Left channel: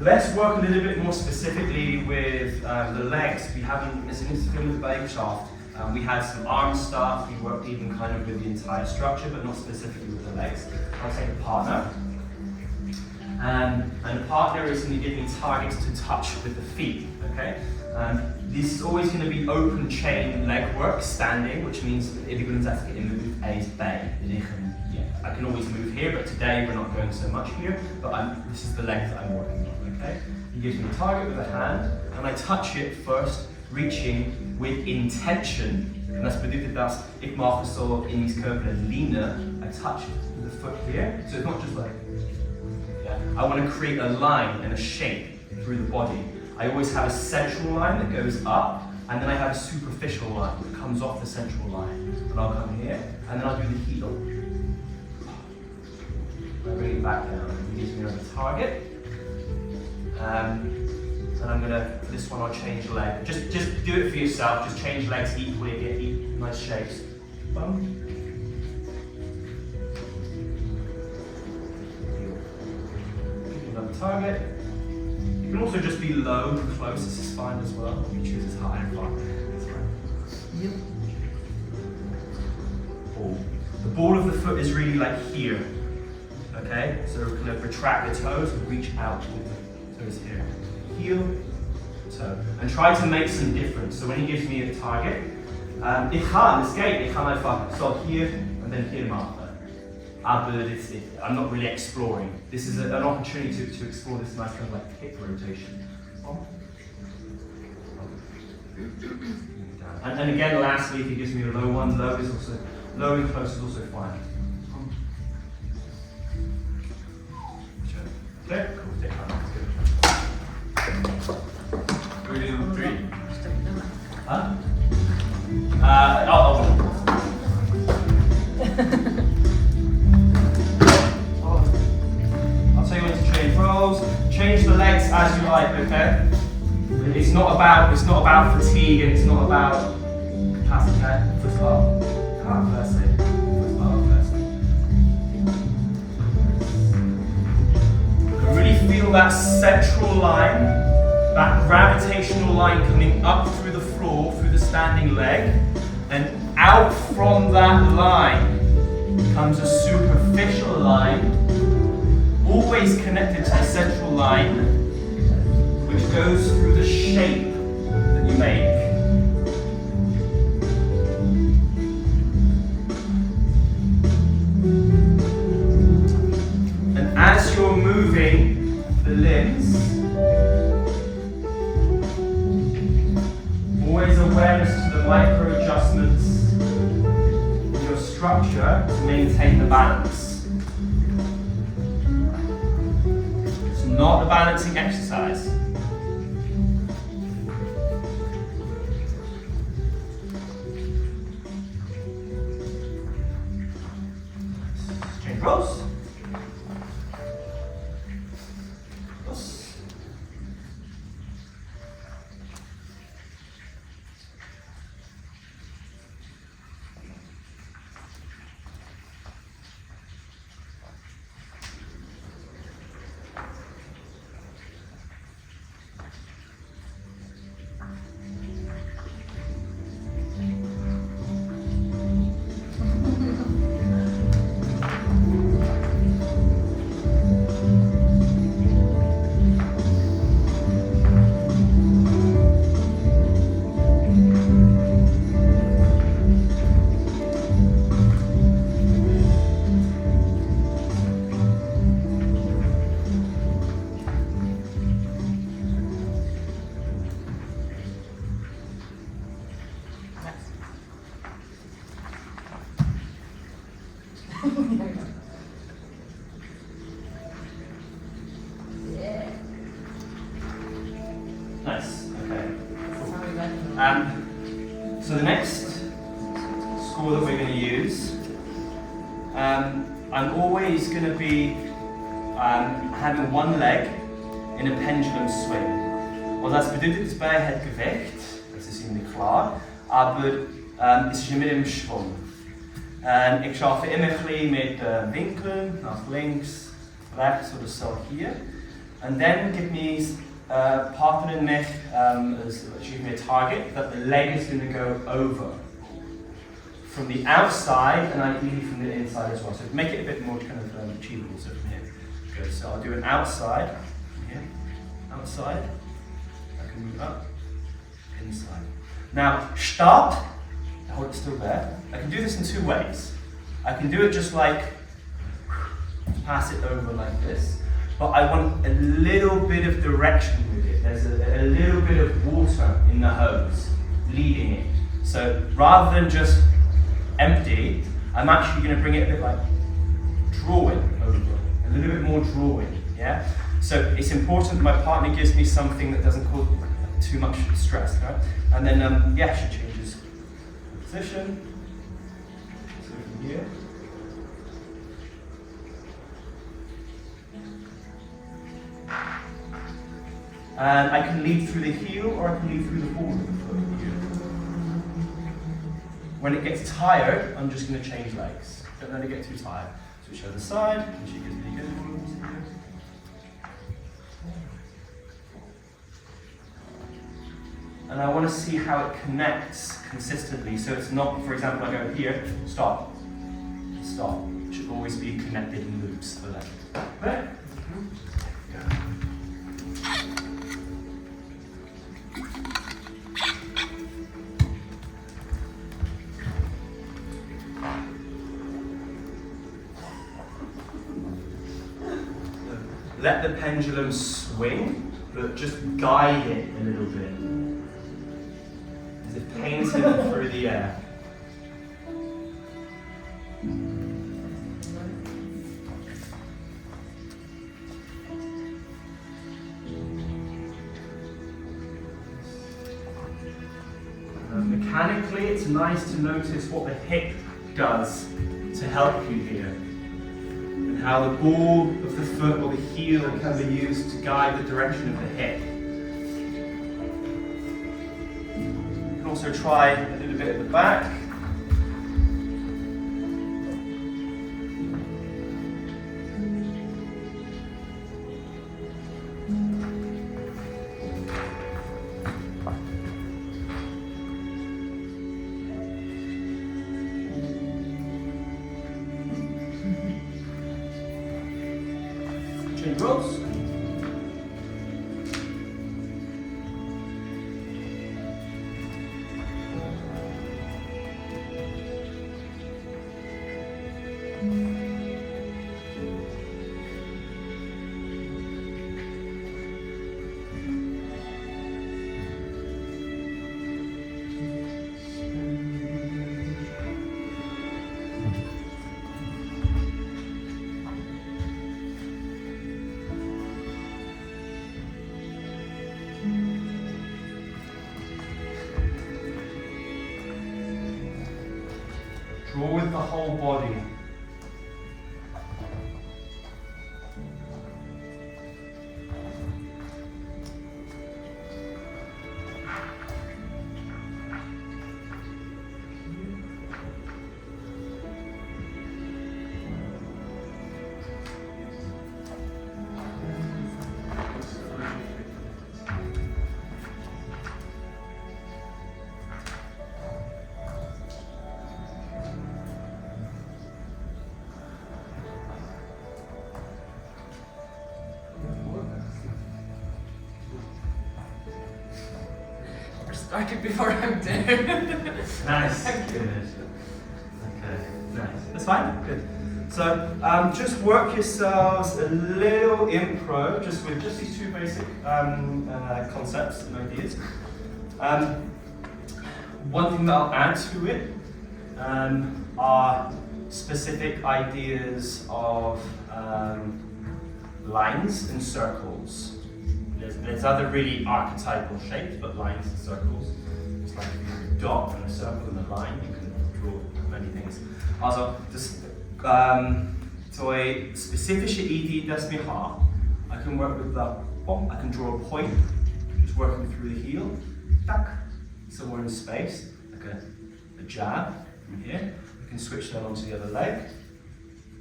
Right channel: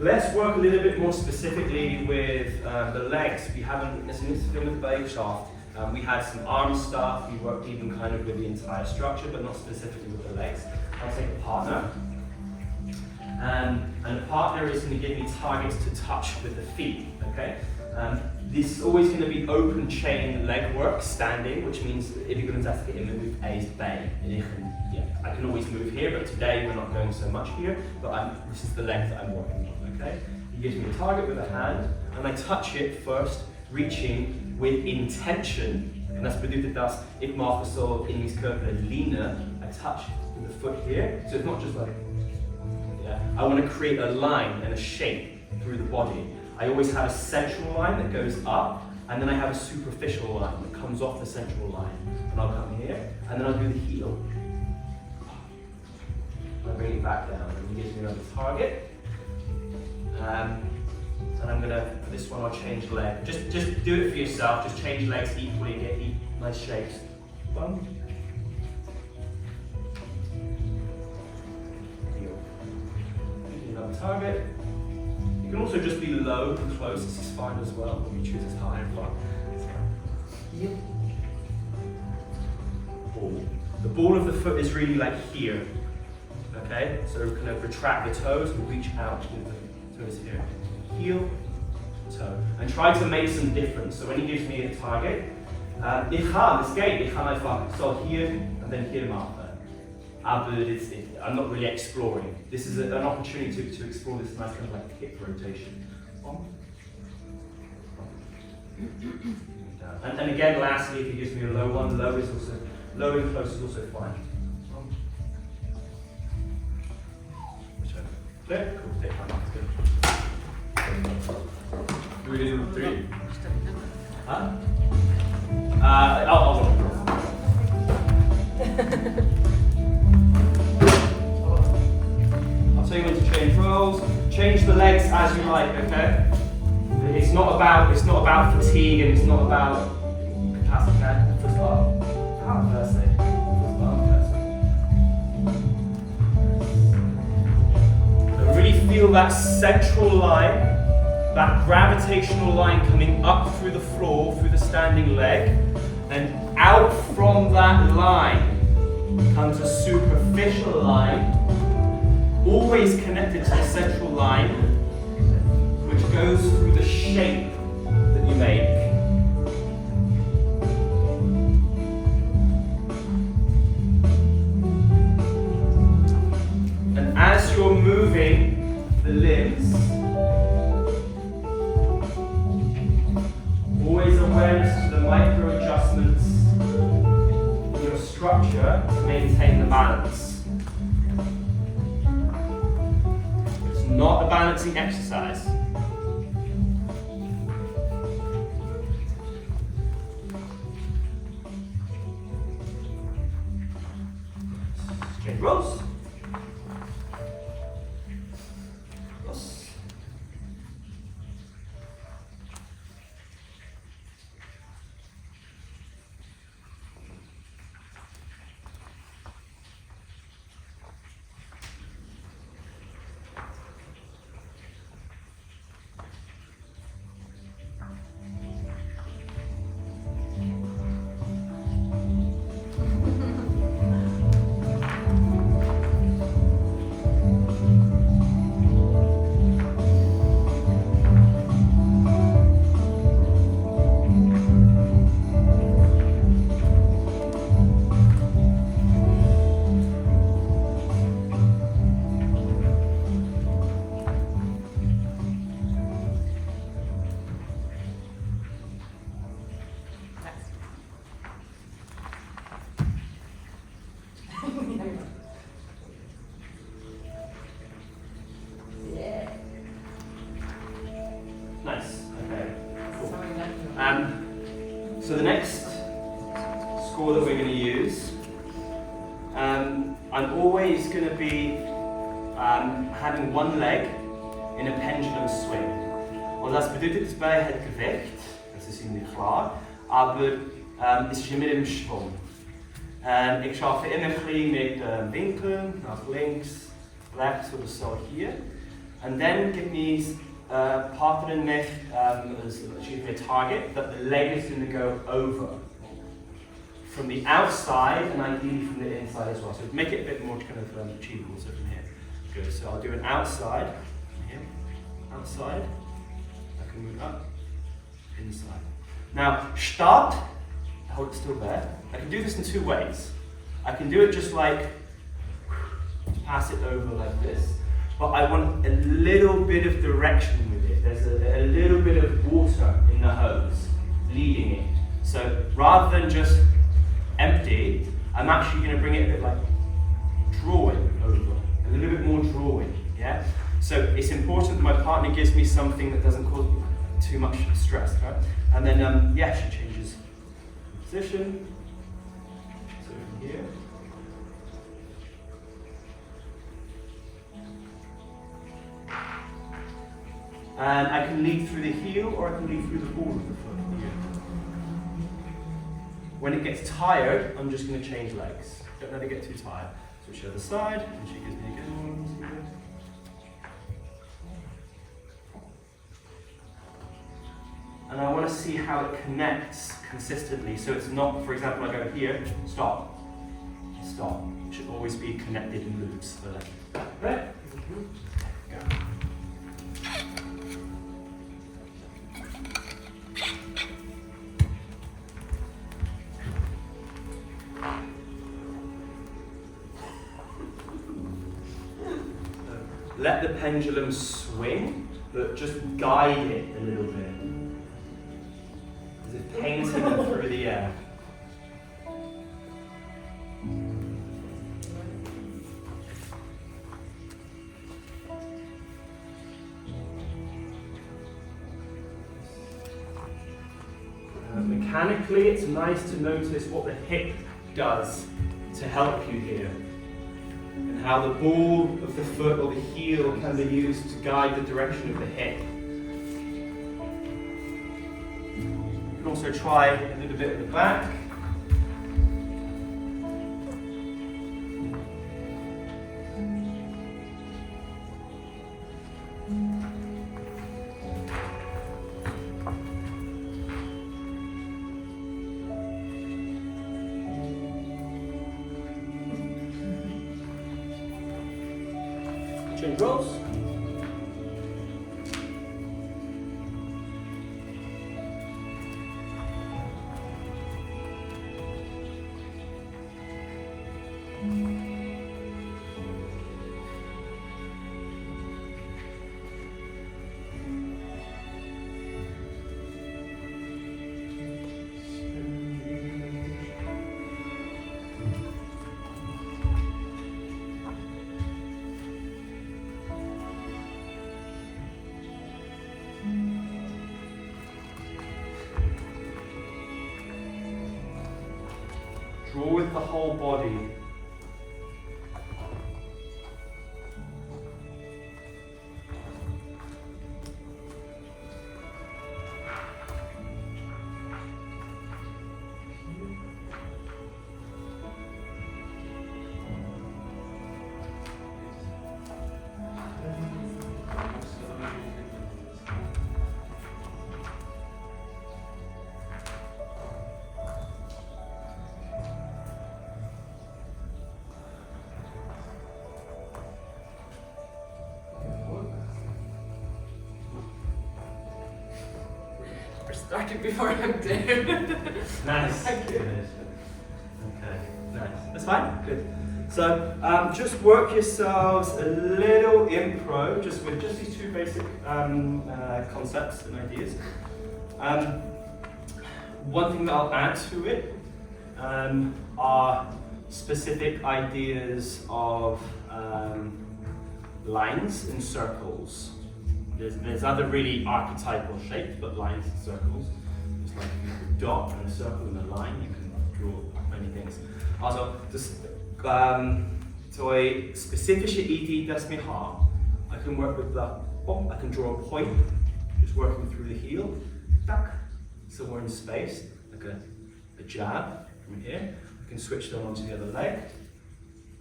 Let's work a little bit more specifically with the legs. We haven't, as an instrument shaft, we had some arm stuff, we worked even kind of with the entire structure, but not specifically with the legs. I'll take a partner. And the partner is going to give me targets to touch with the feet, okay? This is always going to be open chain leg work, standing, which means if you're going to have to get in move A's bay. I can always move here, but today we're not going so much here, but this is the leg that I'm working on, okay? He gives me a target with a hand, and I touch it first, reaching with intention. En dat betekent dat ik mag zo in mijn körper leanen, I touch the foot here, so it's not just like, I want to create a line and a shape through the body. I always have a central line that goes up, and then I have a superficial line that comes off the central line. And I'll come here, and then I'll do the heel. I bring it back down, and he gives me another target. And I'm going to, for this one, I'll change leg. Just do it for yourself, just change legs equally, get nice shapes. Bum. Target. You can also just be low and close, this is fine as well. You choose as high and far. Yep. The ball of the foot is really like here. Okay? So we're going to retract the toes and reach out with the toes here. Heel, toe. And try to make some difference. So when he gives me the target, ik ga, het geht, ik ga einfach so here and then here machen. But I'm not really exploring. This is an opportunity to explore this nice kind of like hip rotation. And then again, lastly, if he gives me a low one, low is also low and close is also fine. Okay, cool. Do we do 3? Huh? So you need to change roles, change the legs as you like, okay? It's not about fatigue and it's not about capacity, okay? Foot up, firstly. Foot up firstly. So really feel that central line, that gravitational line coming up through the floor, through the standing leg, and out from that line comes a superficial line, always connected to the central line, which goes through the shape that you make. And as you're moving the limbs, always awareness to the micro adjustments in your structure to maintain the balance. Not a balancing exercise. Change roles. Nice, okay, cool. So the next score that we're going to use, I'm always going to be having one leg in a pendulum swing. Und das bedeutet es bei het Gewicht, das ist Ihnen klar, aber es ist immer im Schwung. Ich arbeite immer ein bisschen mit Winkeln, nach links, rechts oder so hier. and then give me partnering mich, achieve me a target that the leg is going to go over from the outside and ideally from the inside as well. So make it a bit more kind of achievable. So from here, good. So I'll do an outside, here, outside. I can move up, inside. Now start. Hold it still there. I can do this in two ways. I can do it just like pass it over like this, but I want a little bit of direction with it. There's a little bit of water in the hose leading it. So rather than just empty, I'm actually going to bring it a bit like drawing over, a little bit more drawing. Yeah. So it's important my partner gives me something that doesn't cause too much stress. Right? And then yeah, she changes position. So from here. And I can lead through the heel or I can lead through the ball of the foot here. When it gets tired, I'm just going to change legs. Don't let it get too tired. Switch to the other side, and she gives me a good one. And I want to see how it connects consistently. So it's not, for example, I go here, stop, stop. It should always be connected in loops for that. Right? Yeah. Let the pendulum swing, but just guide it a little bit. As if painting it through the air. Mechanically, it's nice to notice what the hip does to help you here. And how the ball of the foot or the heel can be used to guide the direction of the hip. You can also try a little bit at the back. Chin rolls. Draw with the whole body. Started before I'm dead. Nice. Good. Okay, nice. That's fine? Good. So just work yourselves a little impro, just with just these two basic concepts and ideas. One thing that I'll add to it are specific ideas of lines and circles. There's other really archetypal shapes, but lines and circles. It's like a dot and a circle and a line. You can draw many things. Also, das zur spezifische Idee, das mir har. I can work with the I can draw a point, just working through the heel, tack, somewhere in space, like a jab from here. I can switch then onto the other leg.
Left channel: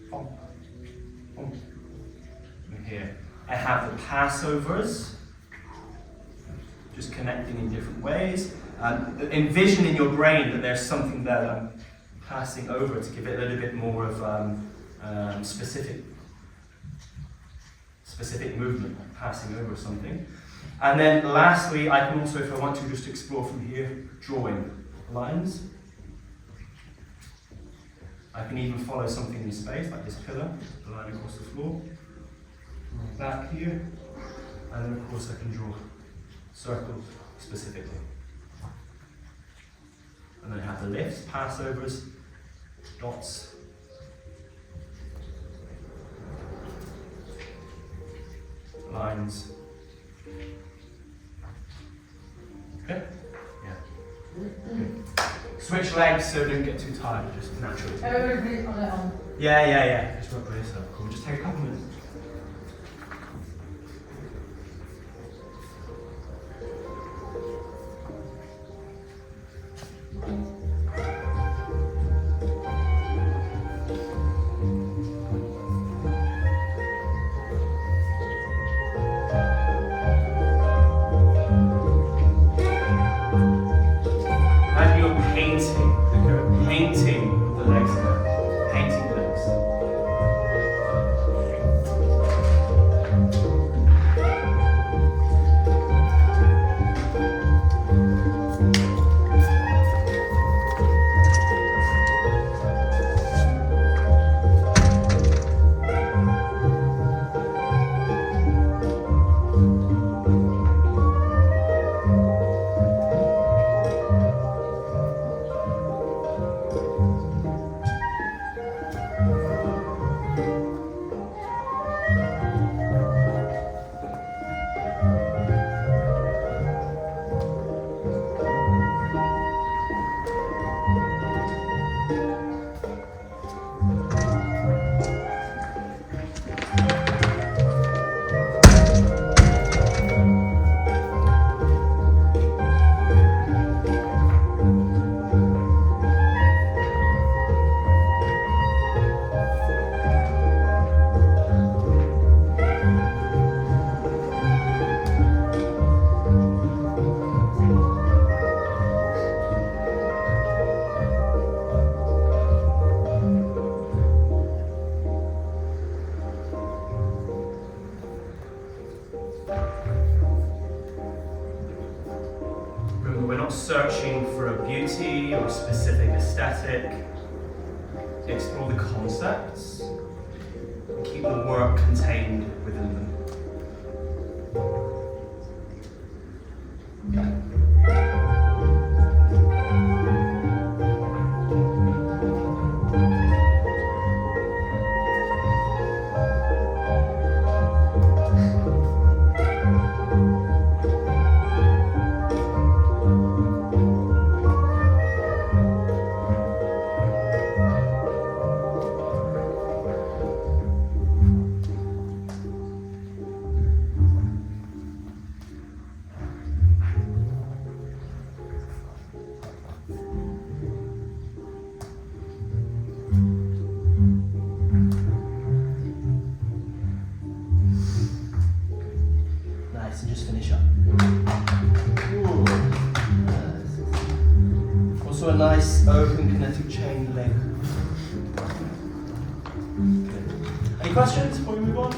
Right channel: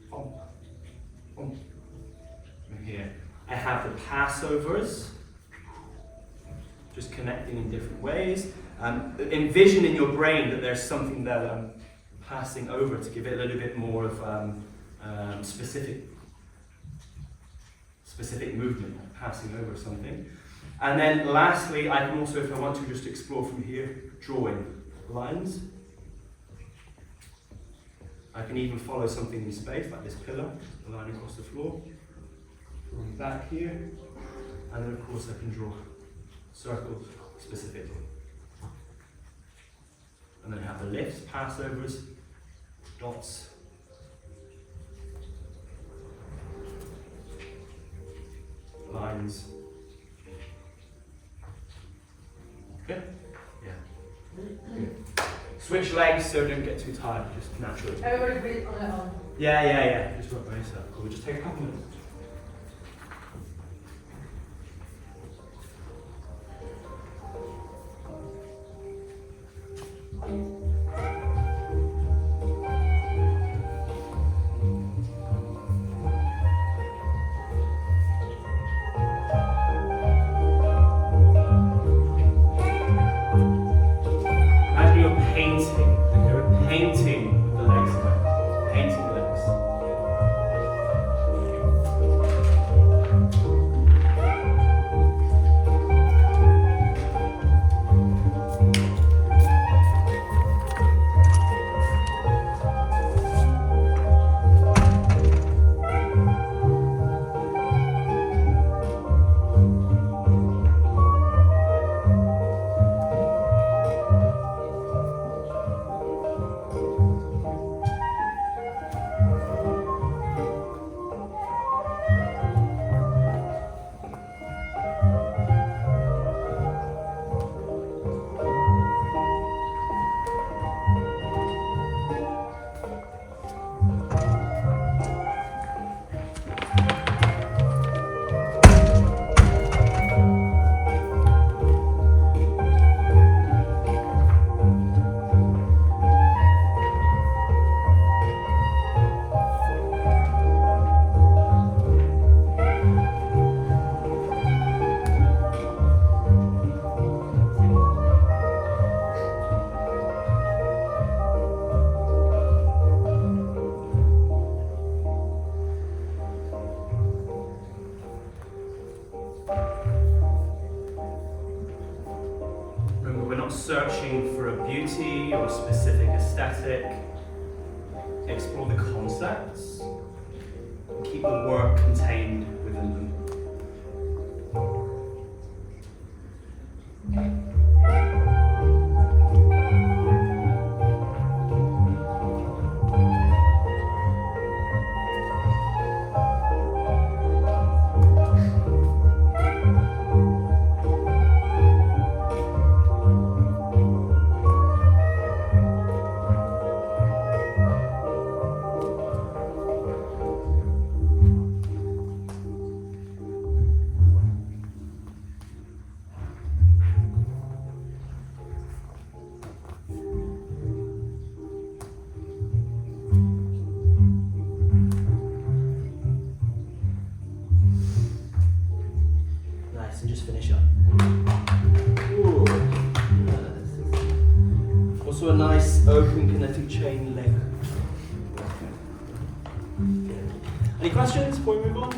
From here. I have the passovers, just connecting in different ways. Envision in your brain that there's something that I'm passing over to give it a little bit more of specific movement, like passing over something. And then lastly, I can also, if I want to, just explore from here, drawing lines. I can even follow something in space, like this pillar, the line across the floor. Drawing back here, and then of course I can draw circles specifically. And then I have the lifts, passovers, dots. Lines. Okay? Yeah. Good. Switch legs so don't get too tired, just naturally. Everybody breathe on their own. Yeah. Just rub brace up. Cool. Just take a couple minutes. Painting the legs now. Painting the legs. Searching for a beauty or a specific aesthetic, explore the concepts, and keep the work contained within them. And just finish up. Ooh. Yes. Also a nice open kinetic chain leg. Good. Any questions before we move on?